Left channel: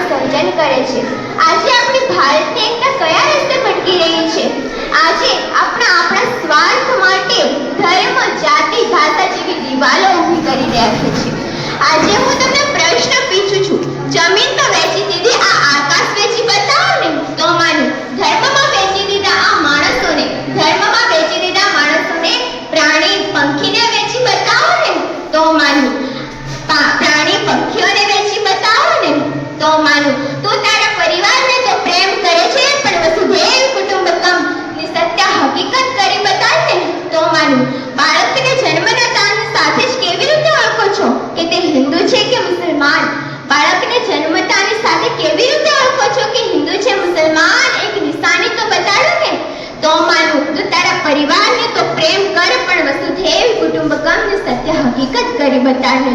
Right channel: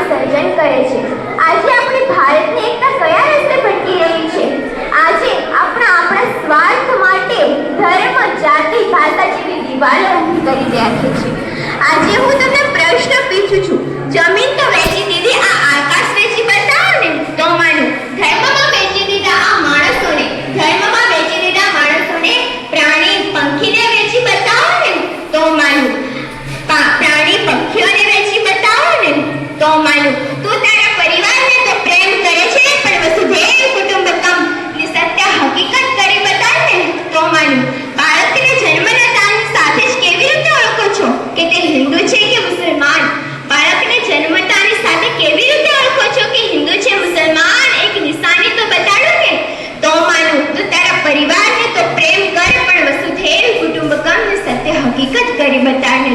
એકતાનું સર્જન કરે છે। આજે આપણી ભારતની એકતા કયા રસ્તે ભટકી રહી છે? આજે આપણા સ્વાર્થ માટે ધર્મ, જાતિ, ભાષા જેવી દિવાલો ઊભી કરી રાખી છે। આજે હું તમને પ્રશ્ન પૂછું છું, જમીન તો વેચી દીધી, આ આકાશ વેચી બતાવો ને તો માનું। ધર્મમાં વેચી દીધા આ માણસોને, ધર્મમાં વેચી દીધા માણસોને, પ્રાણી પંખીને વેચી બતાવો ને તો માનું। પ્રાણી પક્ષીઓને વેચી બતાવો ને તો માનું। તું તારા પરિવારને તો પ્રેમ કરે છે, પણ વસુધૈવ કુટુંબકમ ની સત્ય હકીકત કરી બતાવ ને તો માનું। બાળકને જન્મના દાન સાથે જ કેવી રીતે ઓળખો છો કે તે હિન્દુ છે કે મુસલમાન? બાળકને જન્મતાની સાથે કેવી રીતે ઓળખો છો કે હિન્દુ છે મુસલમાન? એક નિશાની તો બતાડો ને તો માનું। તું તારા પરિવારને તો પ્રેમ કર, પણ વસુધૈવ કુટુંબકમ ની સત્ય હકીકત કરી બતાવ ને।